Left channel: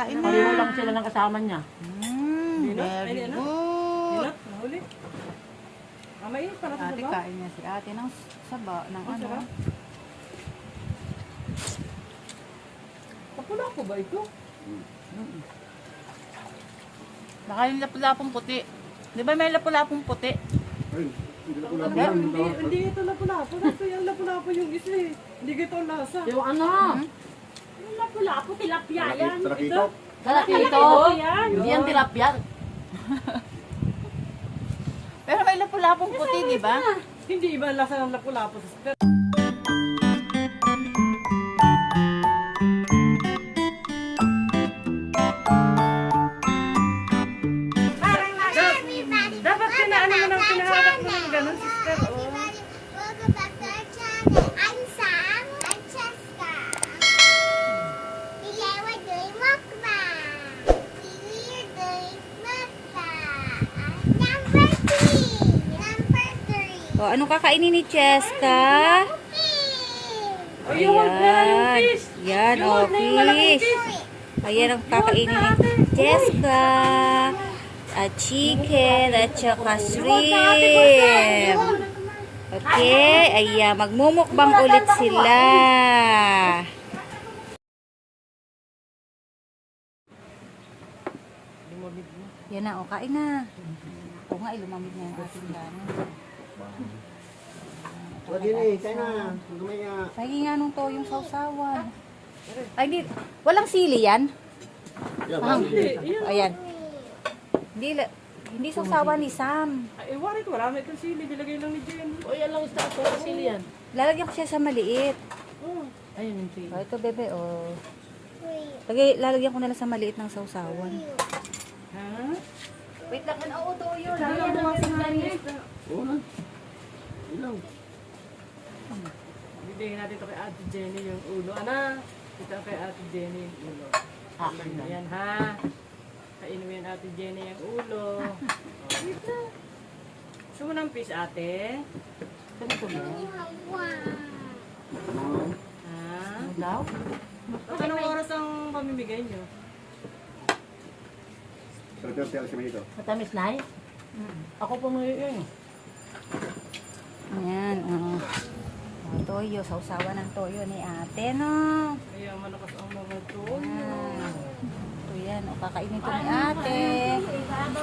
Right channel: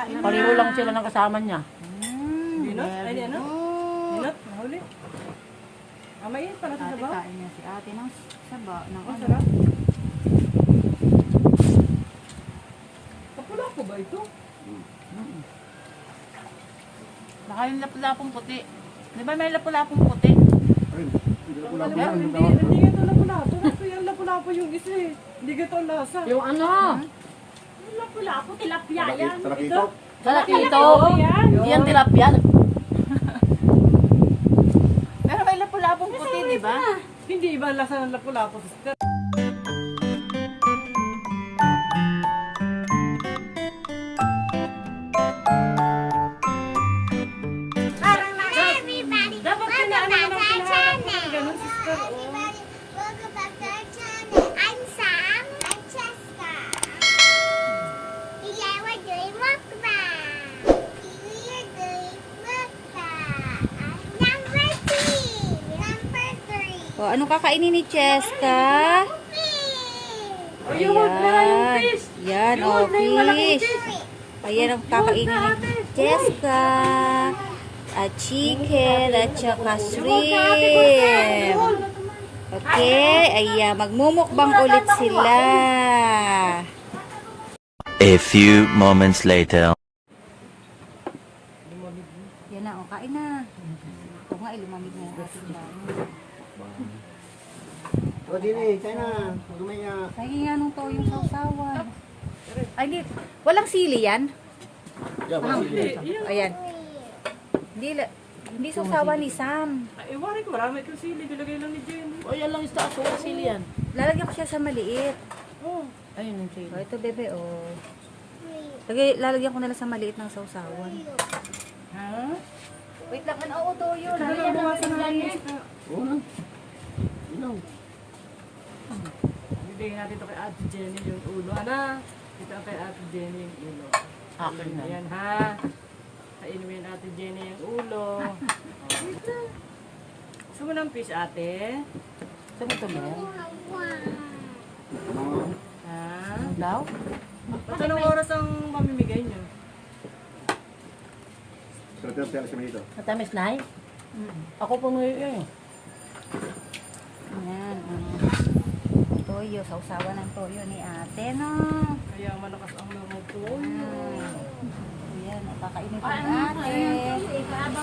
kain na. Pareho lang sila ng kasama niya. Dinot? Ay, Very ano? good. Dinot? Nahuli? Mamaya para sa Ate, sabaw. kain niya si ate ng saba. Ng Ang ano. sarap. Kapula ko ba ito? Baka yung lapu-lapong puti. Di ba may lapu-lapong puti? Ay, hindi ko Ano lang ba? naman. Hindi ito lapu-lapo. Kasi yung lapu-lapo yung isa eh. Hindi ito ang lasa. Yung ano? Yung lapu-lapo, tilapia yan. Tarakito. Tarakito. yan. Hindi yan tilapia. Pero may lapu-lapong puti, di ba? Hindi iba ang lasa ng lapu-lapo. Dapat kinaano mo ng pinaharap mo ng ganun, sister. Oh. Welcome back to our channel. I'm Sam. I'm Cheska. Today we're doing mukbang. We're doing mukbang. Number 3. Number 3. O, anong kakainin ni Cheska? Oh, yung huwag na, yung Ayan. fish. Yan, Yung o, huwag na yung malaking fish. fish. Ayan ang kakainin ni Cheska. At chicken, at saka shrimp. Okay, ayan, magmumukbang ulit sila. A few moments later. Yan na, o, kain na. O nga, lumamig na yung ating gano'n. Saka din eh, tayo na. Huwag na nga. Lagi nga nung to yung sausawan. Ay, di, walang sili yan? Ayan. Hindi sausawan ni Sam. Ay, wari ko. Marami itong sili. Bilagay lang ni Jenny. O yan lang isa ako. Sili yan. Lalagyan ko siya sa maliit. Oh. Ayun yung sili. O, ito bebe, o. Lalagyan ko na lang sa maliit ng sausawan. Ha? Wait lang, oo, toyo. Lalagyan mo sa maliit. Oo na. Ilaw. Bigay natin ito kay Ate Jenny yung ulo. Ano? Ito kay Ate Jenny yung ulo. Akin yan. Ayan ha. Kainumin Ate Jenny yung ulo. Gusto mo ng fish, ate? Ganito na yan. Ha? Ano daw? Ba't anong oras ang pamimigay nyo? Sarap siya sa ito. Matamis na eh. Ako pumuyo eh. Ayan, toyo, sausawan ng toyo ni ate, no? Kaya malakas ang mga toyo. Ayan, o, kakainin ko ni ate.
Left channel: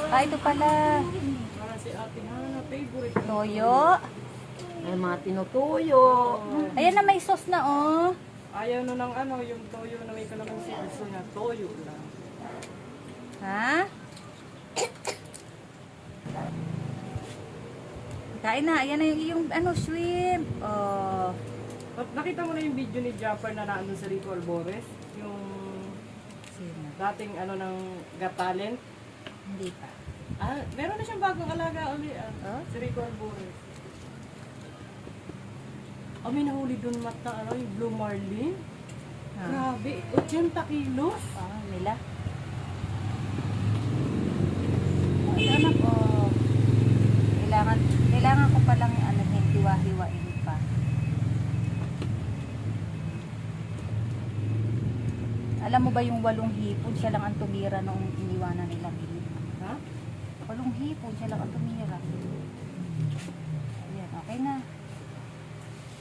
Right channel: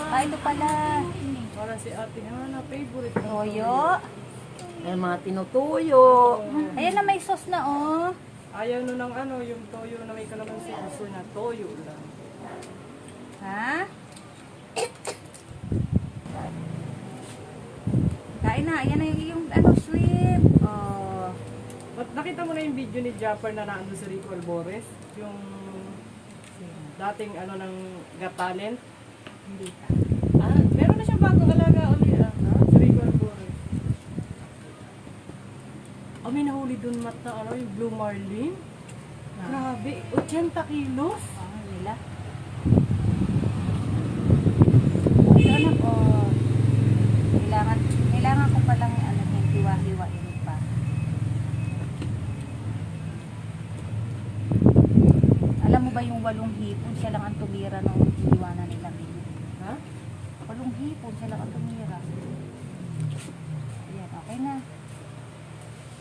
Ah, ito pala. Para si ate na favorite. Toyo. Yung mga tinutuyo. Ayan na, may sauce na, oh. Ayaw na ng ano, yung toyo na may kalamansi. Gusto na toyo lang. Ha? Kain na. Ayan na yung ano, shrimp. Oh. Nakita mo na yung video ni Japper na naan sa Rico Albores? Yung dating ano ng Got Talent? Hindi pa. Ah, meron na siyang bagong alaga uli sa Rico Albores. May nahuli dun mata, ano, yung Blue Marlin. Grabe, 80 kilos. Oh, nila. Ito anak, oh. Kailangan ko palang ano, hiwa-hiwain pa. Alam mo ba yung 8 hipon, siya lang ang tumira nung iniwanan nila. Ha? 8 hipon, siya lang ang tumira. Ayan, okay na.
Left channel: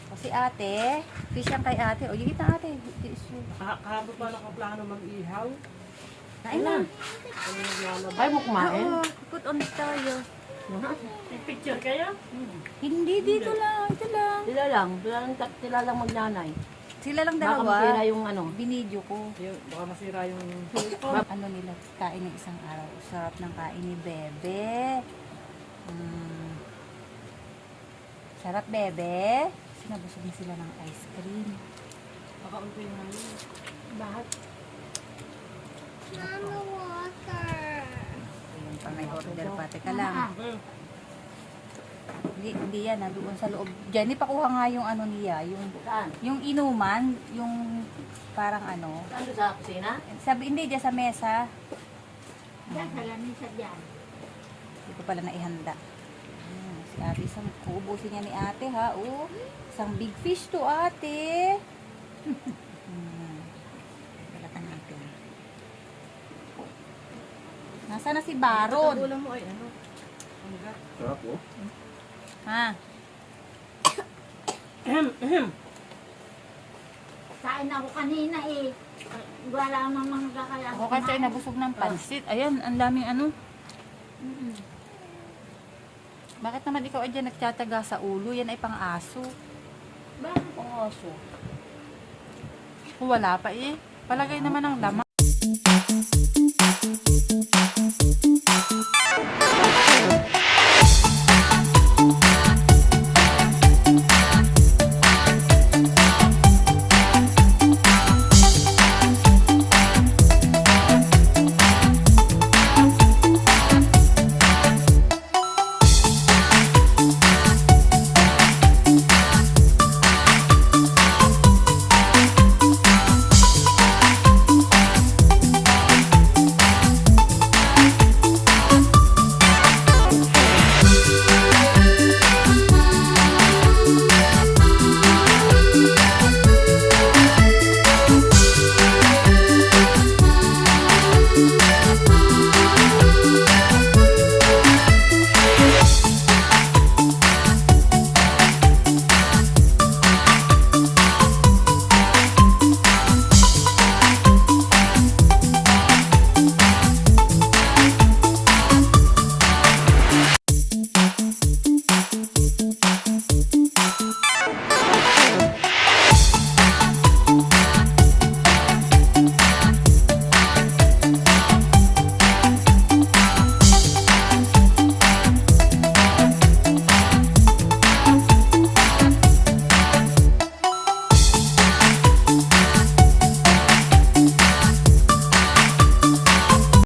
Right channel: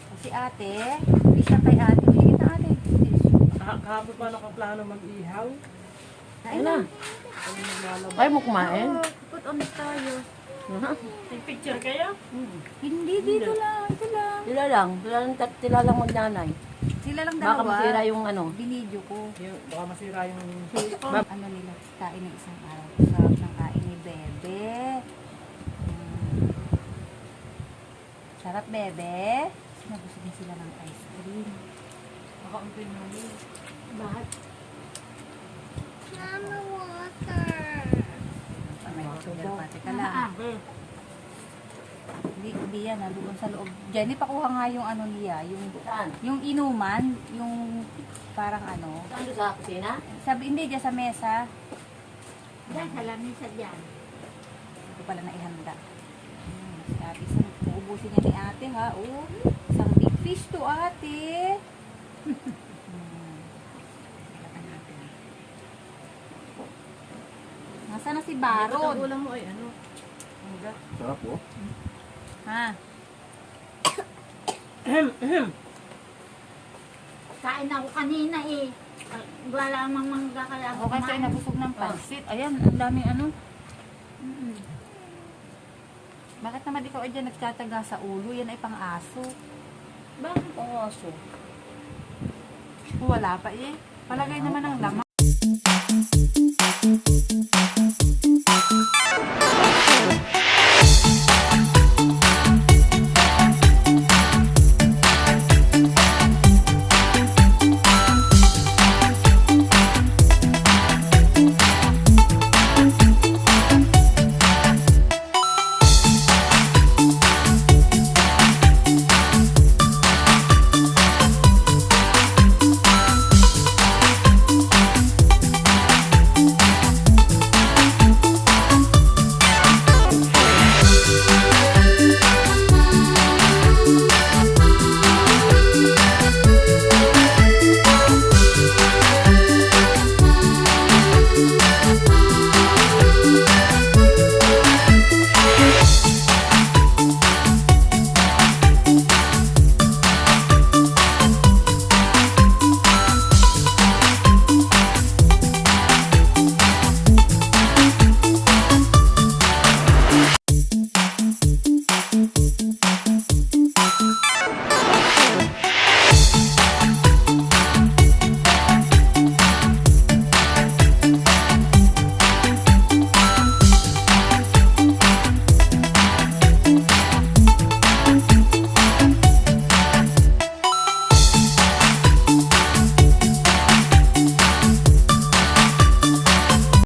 Kasi ate, hindi siya kay ate. O, higit na ate. Kahapon pa nakaplano mag-ihaw. Kain na. Ano naglalaba? Ay mo kumain. Put on the tayo. Picture kayo? Hindi, dito lang. Ito lang. Sila lang. Sila lang magnanay. Sila lang Baka dalawa. masira yung ano. Binidyo ko. Baka masira yung... Ano nila, kain ng isang araw. Sarap ng kain ni Bebe. Sarap, Bebe. Nabusog sila ng ice cream. Baka unti namin. Lahat. Mama water. May order pa. Teka lang. Hmm. Hindi yan. Nandun sa loob. Jenny, pakuha nga yung ano niya. Saan? Yung inuman. Yung parang ano. Saan doon sa kusina? Sabi, hindi, dyan sa mesa. Nagkalamin sa dyan. Ito pala na ihanda. Sabi, isang uubusin niya ni ate ha. Oh, isang big fish to ate. Balatan natin. Sana si Baron. Baron. Ulam mo ay ano? Hangga. Sarap oh. Ha? Kain ako kanina eh. Wala namang mangga kaya Ako kasi ay nabusog ng pansit. Ayan, ang daming ano. Bakit naman ikaw ay dyan nagtsatsaga sa ulo? Yan ay pang-aso. Bakit ang aso? Wala pa eh. Palagay naman ang laman.